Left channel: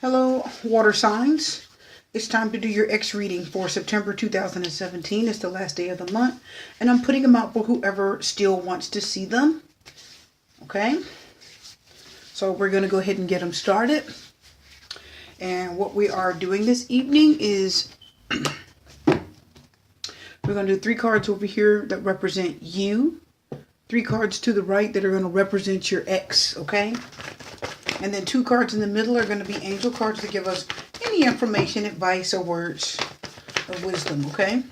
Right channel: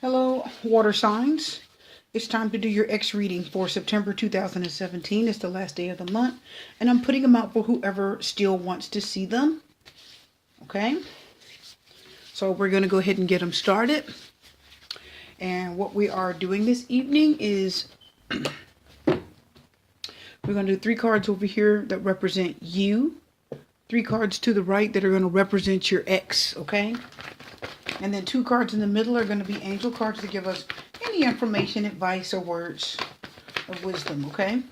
Hello, water signs. It's time to do your X reading for September 2017. It's the last day of the month, and I'm putting them out for whoever still wants to see them. Okay? So we're going to go ahead and get them started. And what we are doing this evening is we're going to do 3 cards over here that represent you. 3 cards to the right that are going to represent your ex, okay? And then 2 cards in the middle are going to be angel cards to give us any information, advice, or words of wisdom, okay?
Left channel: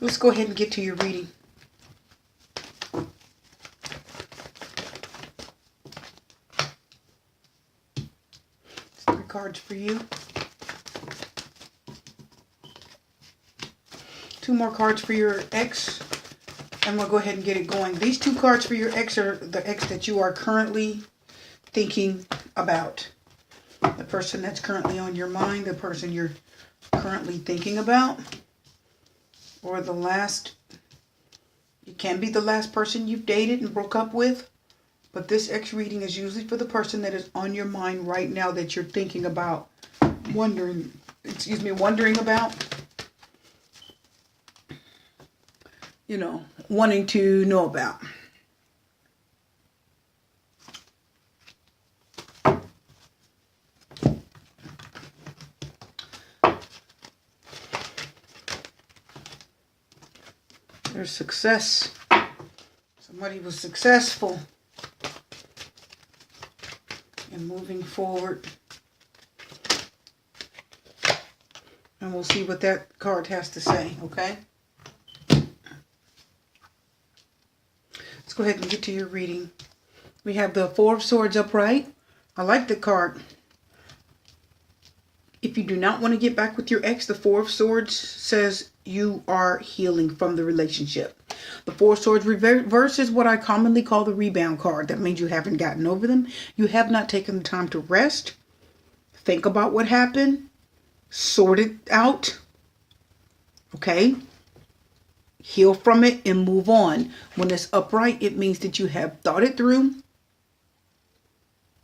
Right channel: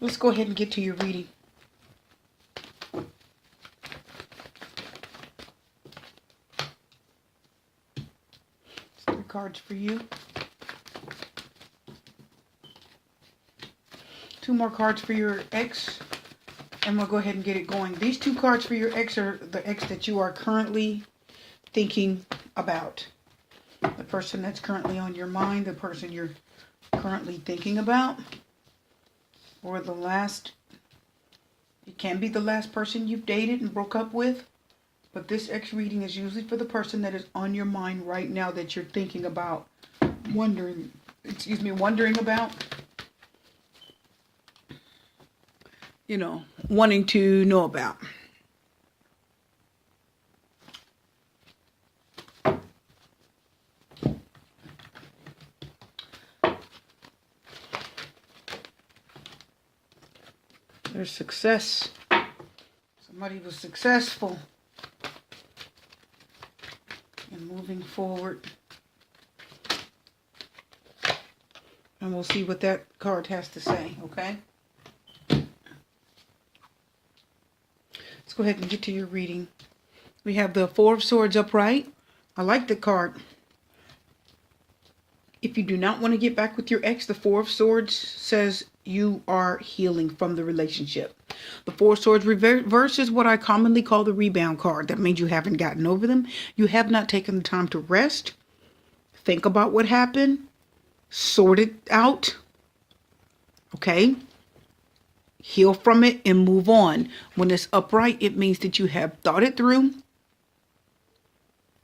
Let's go ahead and get to your reading. 3 cards for you. 2 more cards for your ex. And we'll go ahead and get it going. These 2 cards for your ex are the ex that you are currently thinking about. The person that's currently on your mind, the person you're currently thinking about. Or the last, it can be the last person you've dated and broke up with. But this X reading is usually for the person that is on your mind right now that you're thinking about, wondering about. You know, wanting to know about. There's success. Somebody was successful in moving forward. And we'll see what that card has to say, okay? Let's go ahead and get to your reading. We have the 4 of Swords upright. I like the card. If you do not want to get back with your ex, the 4 of Swords says you are healing from the relationship. The 4 of Swords reverse is what I commonly call the rebound card. That means you haven't gotten over them. You have not taken the time to rest, think about what happened, sort it out, okay? Heal from it and move on. When it's upright, it means that you have thought it through.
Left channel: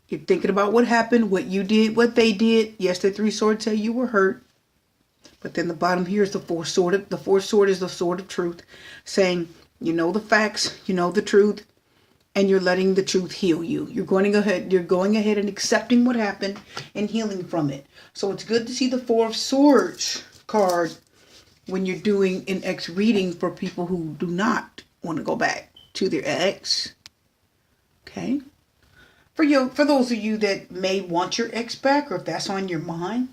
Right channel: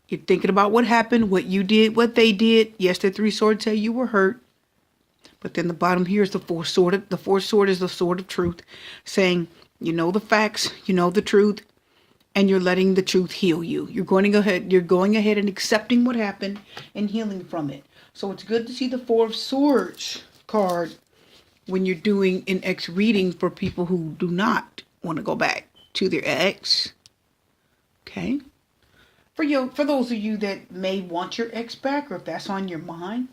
You're thinking about what happened, what you did, what they did. Yes, the 3 swords say you were hurt. But then the bottom here is the 4 sword. The 4th sword is the sword of truth, saying you know the facts, you know the truth, and you're letting the truth heal you. You're going ahead and accepting what happened and healing from it. So it's good to see the 4 of Swords card when you're doing an ex reading for people who do not want to go back to their ex. Okay? For those of you that may want your ex back, or if that's on your mind,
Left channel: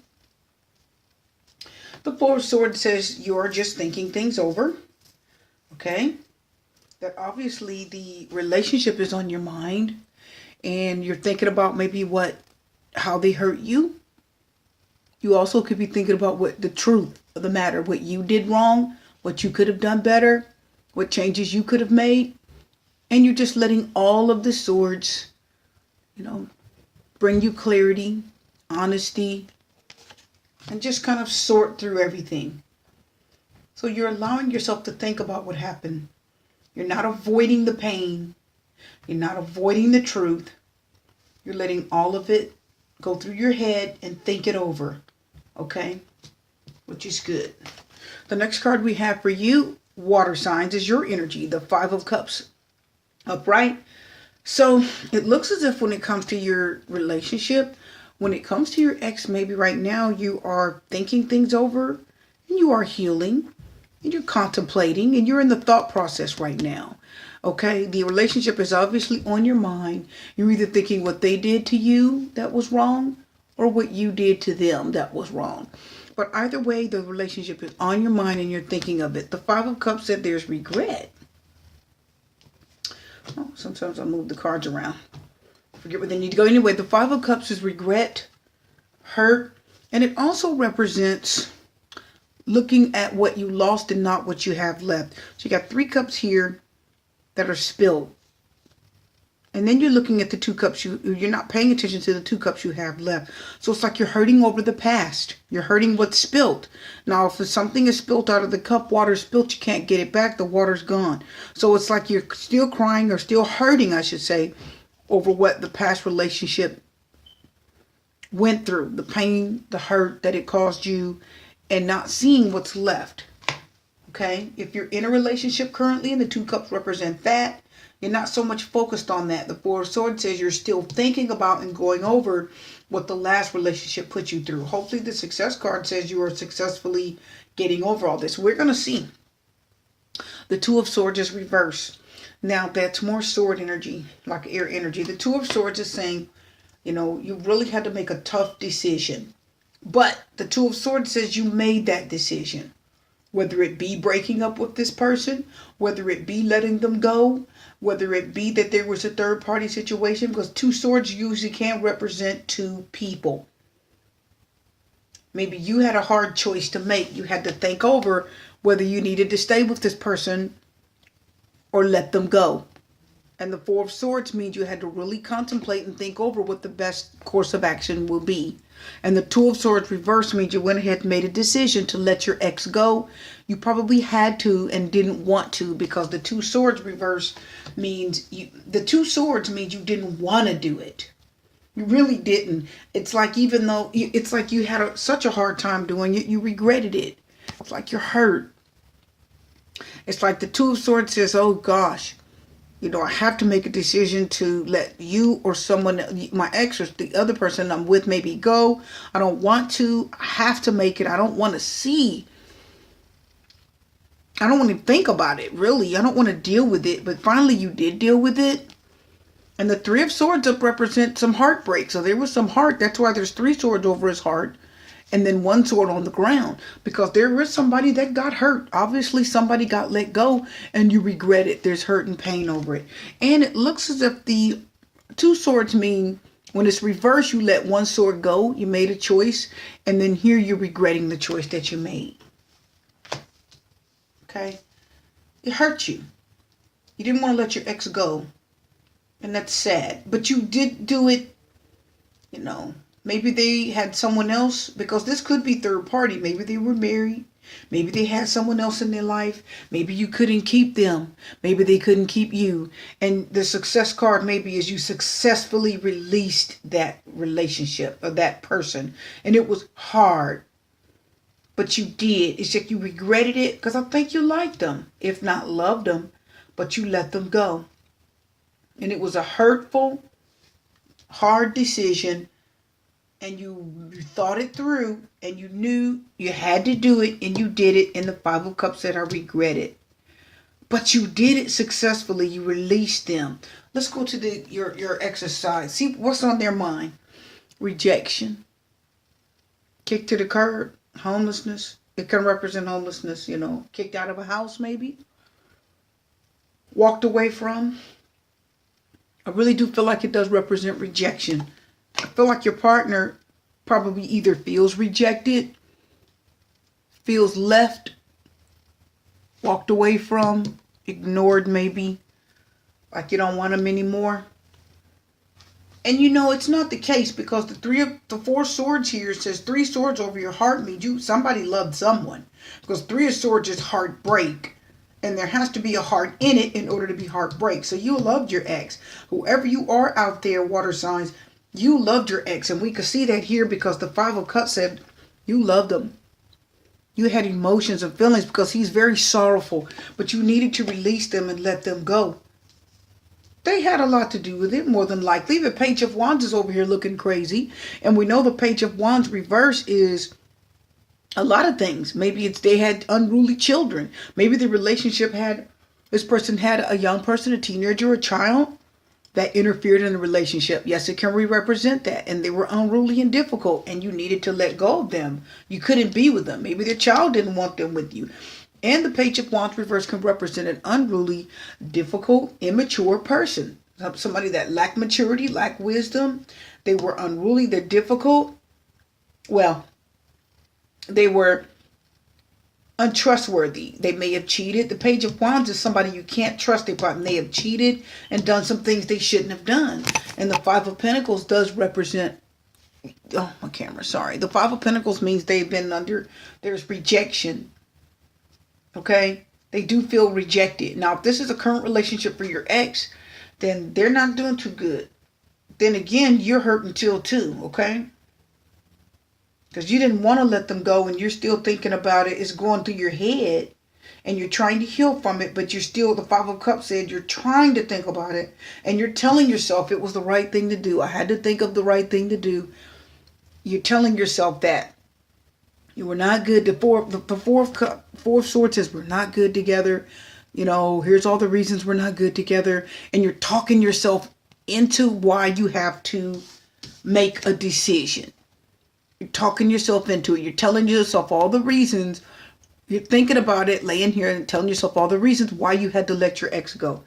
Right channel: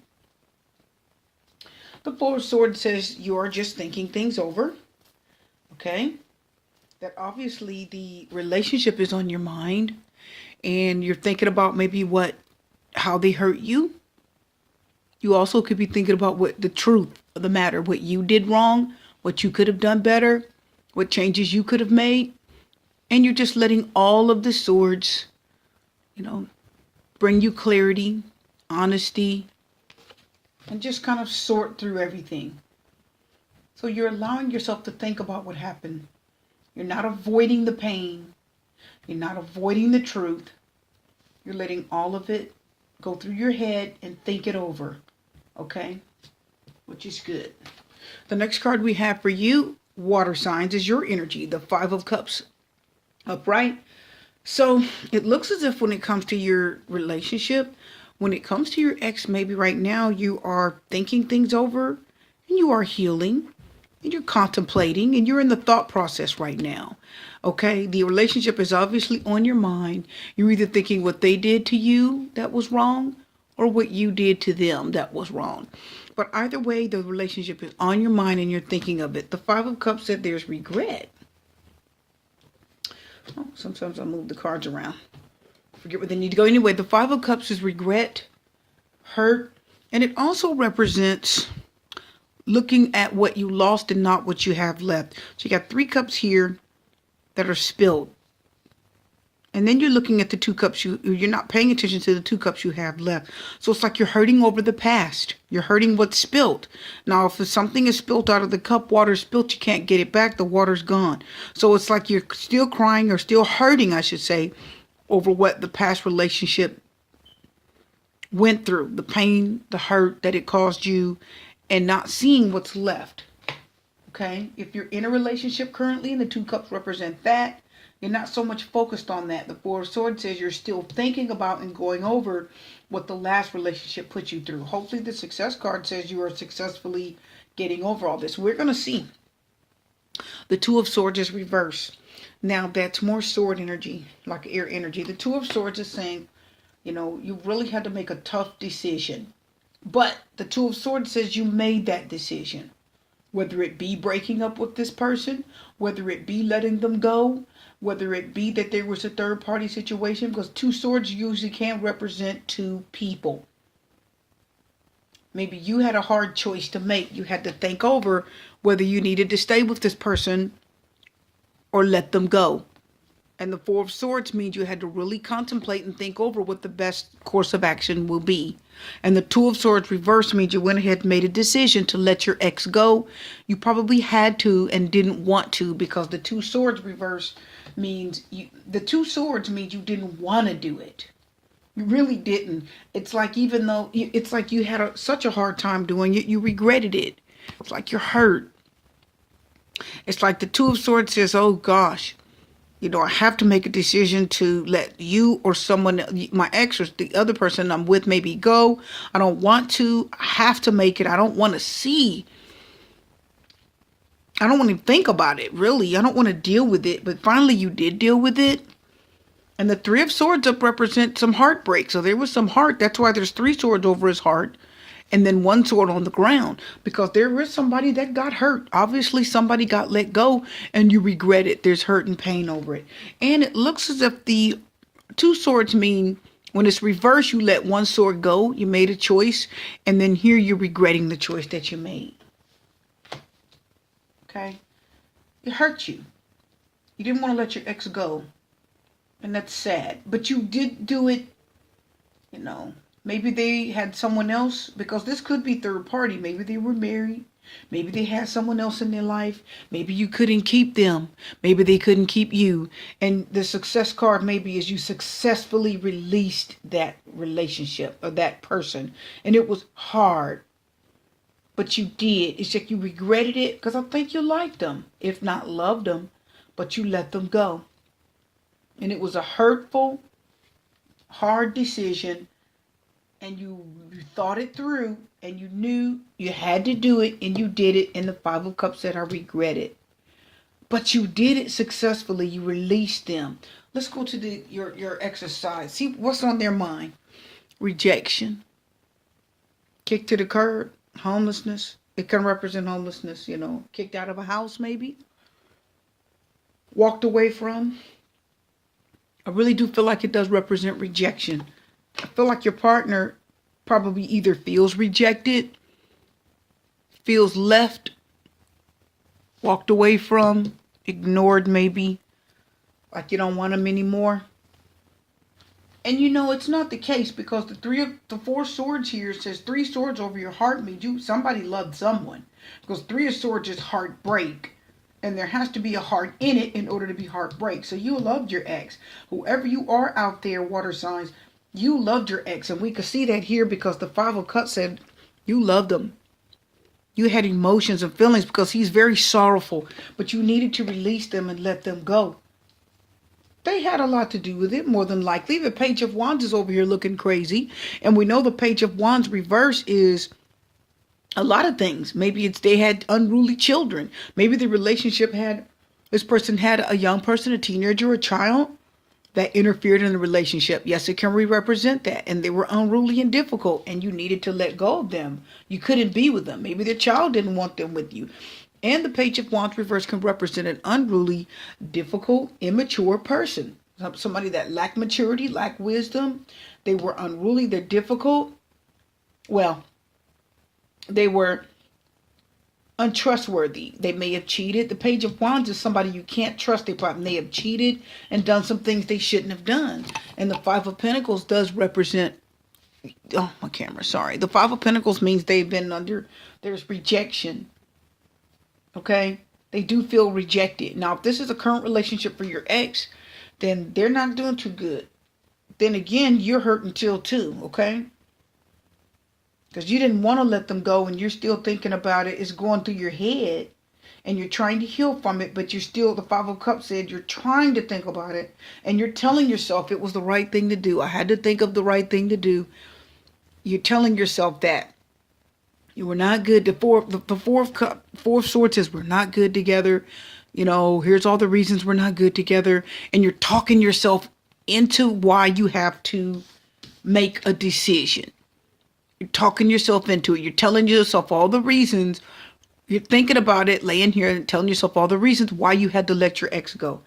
the 4 of Swords says you're just thinking things over. Okay? That obviously the relationship is on your mind, and you're thinking about maybe how they hurt you. You also could be thinking about what the truth of the matter, what you did wrong, what you could have done better, what changes you could have made. And you're just letting all of the swords, bring you clarity, honesty, and just kind of sort through everything. So you're allowing yourself to think about what happened. You're not avoiding the pain. You're not avoiding the truth. You're letting all of it go through your head and think it over. Okay? Which is good. The next card we have for you, water signs, is your energy. The 5 of Cups upright. So it looks as if when it comes to your relationship, when it comes to your ex, maybe right now you are thinking things over and you are healing and you're contemplating and you're in the thought process right now. Okay, the relationship is obviously on your mind. You're either thinking what they did to you that was wrong or what you did to them that was wrong. But either way, the relationship is on your mind and you're thinking of it. The 5 of Cups said there's regret. Oh, sometimes I move the cards around. Forget where they need to go. Anyway, the 5 of Cups is regret, hurt, and it also represents looking at what you lost and not what you have left. So you got 3 cups here that are spilled. And then you're looking at the 2 cups. You're not paying attention to the 2 cups you have left. So it's like you're hurting over the past. You're hurting what's spilt. Now, if something is spilt out of the cup, water is spilt, you can't get it back. The water's gone. So it's like you're still crying or still hurting, I should say, over what the past relationship went through, the pain, the hurt that it caused you, and not seeing what's left. Okay? If you're in a relationship currently and the two cups represent that, you're not so much focused on that. The Four of Swords says you're still thinking about and going over what the last relationship put you through. Hopefully the Success card says you are successfully getting over all this. We're going to see. The Two of Swords is reversed. Now that's more sword energy, like air energy. The Two of Swords is saying, you really had to make a tough decision. But the Two of Swords says you made that decision. Whether it be breaking up with this person, whether it be letting them go, whether it be that there was a third party situation, because two swords usually can't represent two people. Maybe you had a hard choice to make. You had to think over whether you needed to stay with this person or let them go. And the Four of Swords means you had to really contemplate and think over what the best course of action will be. And the Two of Swords reverse means you went ahead and made a decision to let your ex go. You probably had to and didn't want to, because the Two Swords reverse means the Two Swords means you didn't want to do it. You really didn't. It's like even though it's like you had such a hard time doing it, you regretted it. It's like you're hurt. It's like the Two of Swords says, oh gosh, I have to make a decision to let you or someone, my ex or the other person I'm with, maybe go. I don't want to. I have to make it. I don't want to see. I don't want to think about it, really. I don't want to deal with it. But finally you did deal with it. And the Three of Swords up represents some heartbreak. So there was some heart. That's why there's three swords over his heart. And then one sword on the ground, because there was somebody that got hurt. Obviously somebody got let go and you regret it. There's hurt and pain over it. And it looks as if the Two Swords mean when it's reversed, you let one sword go. You made a choice. And then here you're regretting the choice that you made. Okay. It hurt you. You didn't want to let your ex go. And that's sad. But you did do it, Maybe they had someone else, because this could be third party. Maybe they were married. Maybe they had someone else in their life. Maybe you couldn't keep them. Maybe they couldn't keep you. And the Success card maybe is you successfully released that relationship or that person. And it was hard. But you did. It's like you regretted it because I think you liked them, if not loved them. But you let them go. And it was a hurtful, hard decision. And you thought it through, and you knew you had to do it, and you did it. And the Five of Cups said, I regret it. But you did it successfully. You released them. Let's go to your exercise. See what's on their mind. Rejection. Kicked to the curb. Homelessness. It can represent homelessness, Kicked out of a house, maybe. Walked away from. I really do feel like it does represent rejection. I feel like your partner probably either feels rejected, feels left, walked away from, ignored maybe, like you don't want them anymore. And it's not the case, because the Four Swords here says three swords over your heart means somebody loved someone. Because Three of Swords is heartbreak. And there has to be a heart in it in order to be heartbreak. So you loved your ex. Whoever you are out there, water signs, you loved your ex. And we could see that here because the Five of Cups said you loved him. You had emotions and feelings because he's very sorrowful. But you needed to release them and let them go. They had a lot to do with it, more than likely. The Page of Wands is over here looking crazy. And we know the Page of Wands reverse is a lot of things. Maybe they had unruly children. Maybe the relationship this person had a young person, a teenager, a child that interfered in the relationship. Yes, it can represent that. And they were unruly and difficult, and you needed to let go of them. You couldn't be with them. Maybe their child didn't want them with you. And the Page of Wands reverse can represent an unruly, difficult, immature person. Somebody that lacked maturity, lacked wisdom. They were unruly. They're difficult. Well, they were untrustworthy. They may have cheated. The Page of Wands is somebody you can't trust. They probably may have cheated and done some things they shouldn't have done. And the Five of Pentacles does represent, oh, my camera, sorry. The Five of Pentacles means they've been there's rejection. Okay? They do feel rejected. Now, if this is a current relationship for your ex, then they're not doing too good. Then again, you're hurting too, okay? Because you didn't want to let them go and you're still thinking about it. It's going through your head and you're trying to heal from it, but you're still, the Five of Cups said, you're trying to think about it and you're telling yourself it was the right thing to do. I had to think of the right thing to do. You're telling yourself that. You were not good. Four of Swords says we're not good together. You know, here's all the reasons we're not good together. And you're talking yourself into why you have to make a decision. You're talking yourself into it. You're telling yourself all the reasons. You're thinking about it, laying here and telling yourself all the reasons why you had to let your ex go.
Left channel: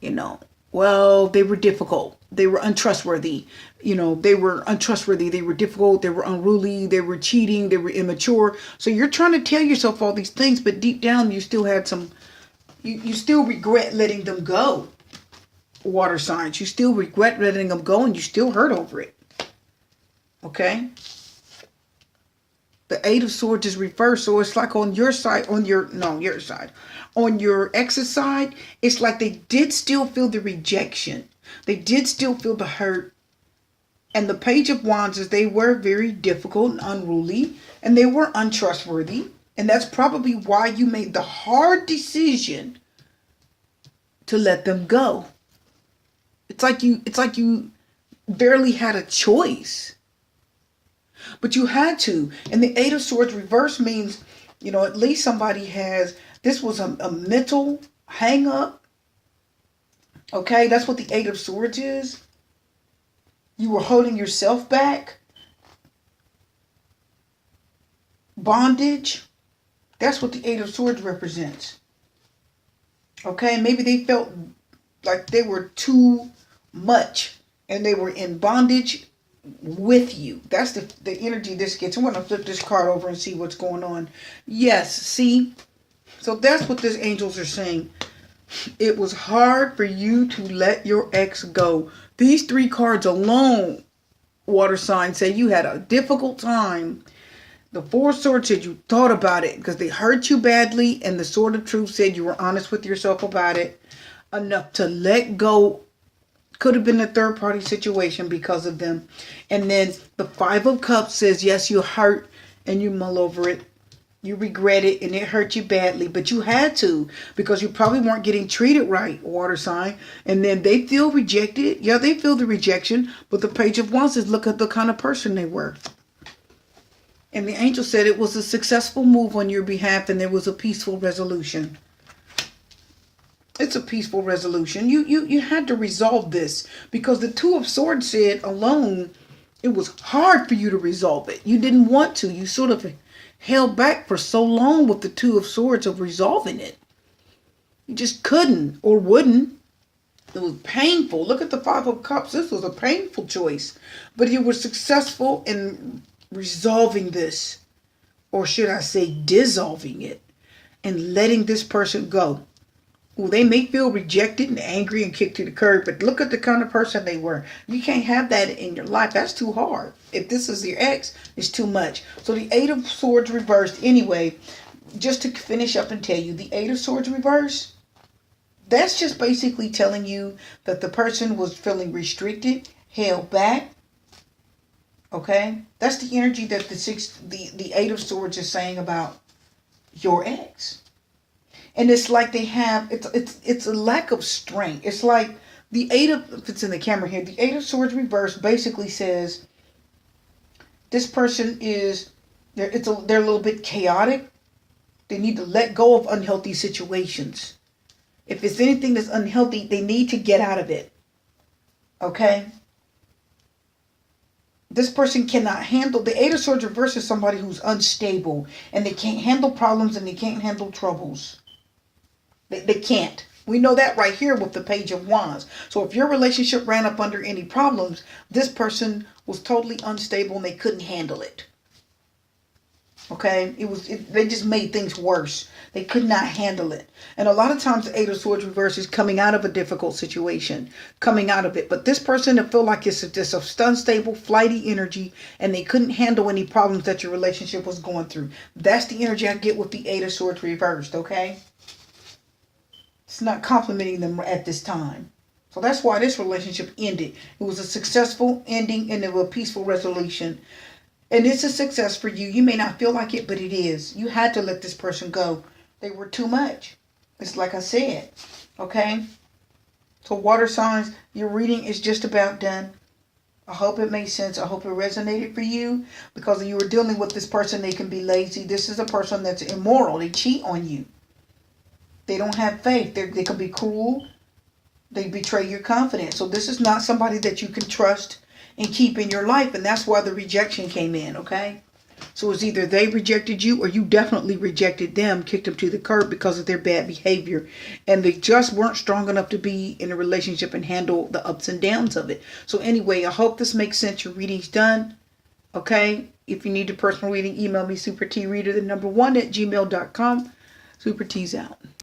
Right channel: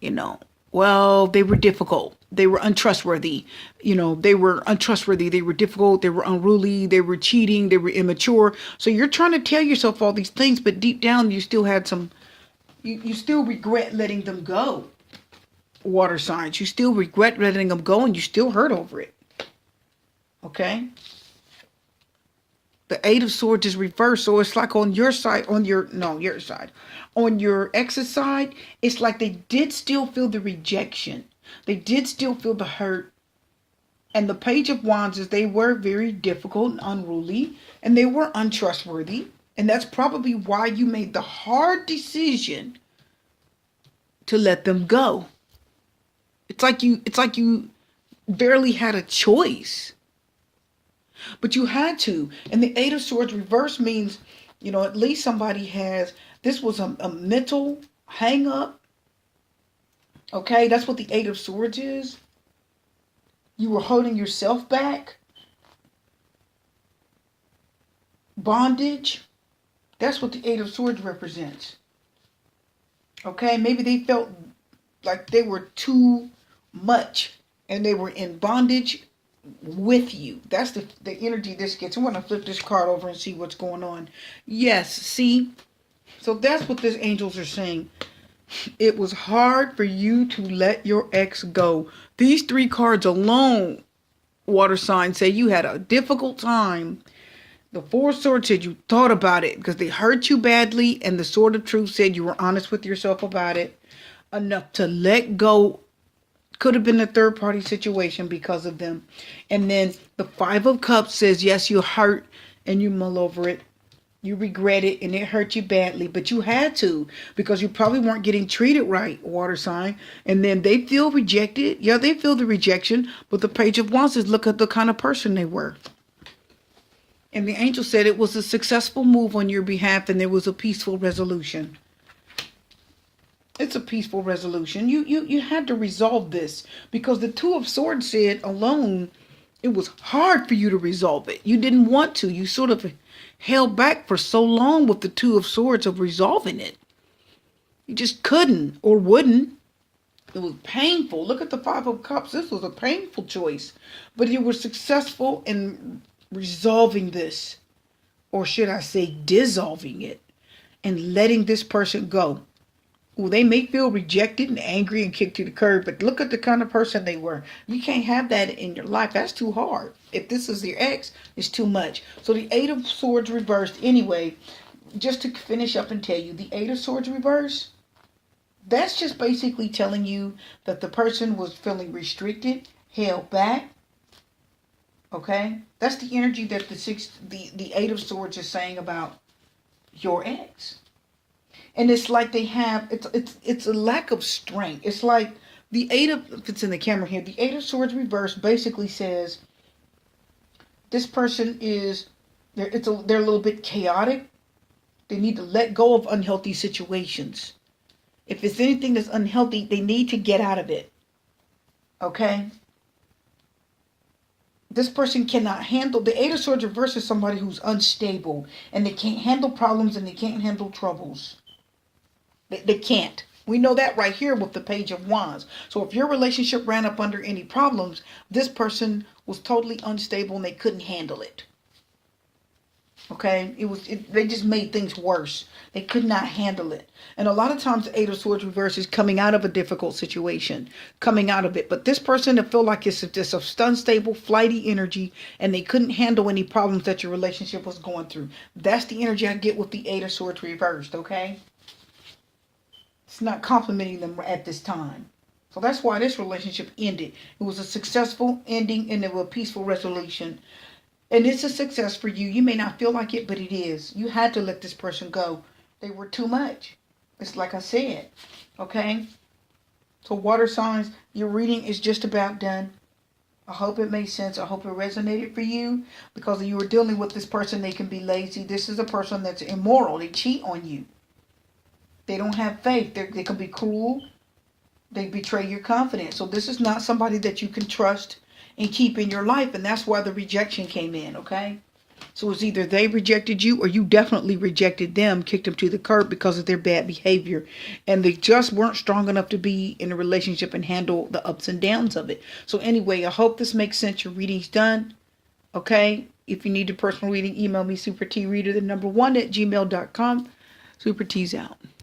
You know, well, they were difficult. They were untrustworthy. You know, they were untrustworthy. They were difficult. They were unruly. They were cheating. They were immature. So you're trying to tell yourself all these things, but deep down you still had some, you still regret letting them go. Water signs. You still regret letting them go and you still hurt over it. Okay? The Eight of Swords is reversed, so it's like on your side, your side. On your ex's side, it's like they did still feel the rejection. They did still feel the hurt. And the Page of Wands is they were very difficult and unruly, and they were untrustworthy. And that's probably why you made the hard decision to let them go. It's like you barely had a choice. But you had to. And the Eight of Swords reverse means, you know, at least somebody has, this was a mental hang up. Okay, that's what the Eight of Swords is. You were holding yourself back. Bondage. That's what the Eight of Swords represents. Okay, maybe they felt like they were too much and they were in bondage with you. That's the energy this gets. I want to flip this card over and see what's going on. Yes, see? So that's what these angels are saying. It was hard for you to let your ex go. These three cards alone, water signs, say you had a difficult time. The Four of Swords said you thought about it because they hurt you badly, and the Sword of Truth said you were honest with yourself about it enough to let go. Could have been a third party situation because of them. And then the Five of Cups says, yes, you hurt and you mull over it. You regret it and it hurt you badly, but you had to because you probably weren't getting treated right, water sign. And then they feel rejected. Yeah, they feel the rejection, but the Page of Wands says, look at the kind of person they were. And the angel said it was a successful move on your behalf and there was a peaceful resolution. It's a peaceful resolution. You had to resolve this because the Two of Swords said alone, it was hard for you to resolve it. You didn't want to. You sort of held back for so long with the Two of Swords of resolving it. You just couldn't or wouldn't. It was painful. Look at the Five of Cups. This was a painful choice. But you were successful in resolving this. Or should I say dissolving it. And letting this person go. Well, they may feel rejected and angry and kicked to the curb, but look at the kind of person they were. You can't have that in your life. That's too hard. If this is your ex, it's too much. So the Eight of Swords reversed. Anyway, just to finish up and tell you, the Eight of Swords reversed, that's just basically telling you that the person was feeling restricted, held back. Okay? That's the energy that the Eight of Swords is saying about your ex. And it's like they have, it's a lack of strength. It's like the if it's in the camera here, the Eight of Swords reverse basically says this person is, they're a little bit chaotic. They need to let go of unhealthy situations. If it's anything that's unhealthy, they need to get out of it. Okay? This person cannot handle, the Eight of Swords reverse is somebody who's unstable and they can't handle problems and they can't handle troubles. They can't. We know that right here with the Page of Wands. So if your relationship ran up under any problems, this person was totally unstable and they couldn't handle it. Okay? They just made things worse. They could not handle it. And a lot of times the Eight of Swords reverse is coming out of a difficult situation. Coming out of it. But this person, that feel like it's just a unstable, flighty energy and they couldn't handle any problems that your relationship was going through. That's the energy I get with the Eight of Swords reversed. Okay? It's not complimenting them at this time. So that's why this relationship ended. It was a successful ending and it was a peaceful resolution. And it's a success for you. You may not feel like it, but it is. You had to let this person go. They were too much. It's like I said. Okay? So water signs, your reading is just about done. I hope it made sense. I hope it resonated for you. Because you were dealing with this person, they can be lazy. This is a person that's immoral. They cheat on you. They don't have faith. They can be cruel. They betray your confidence. So this is not somebody that you can trust and keep in your life. And that's why the rejection came in, okay? So it's either they rejected you or you definitely rejected them, kicked them to the curb because of their bad behavior. And they just weren't strong enough to be in a relationship and handle the ups and downs of it. So anyway, I hope this makes sense. Your reading's done. Okay? If you need a personal reading, email me supertreader1 at gmail.com. Super T's out.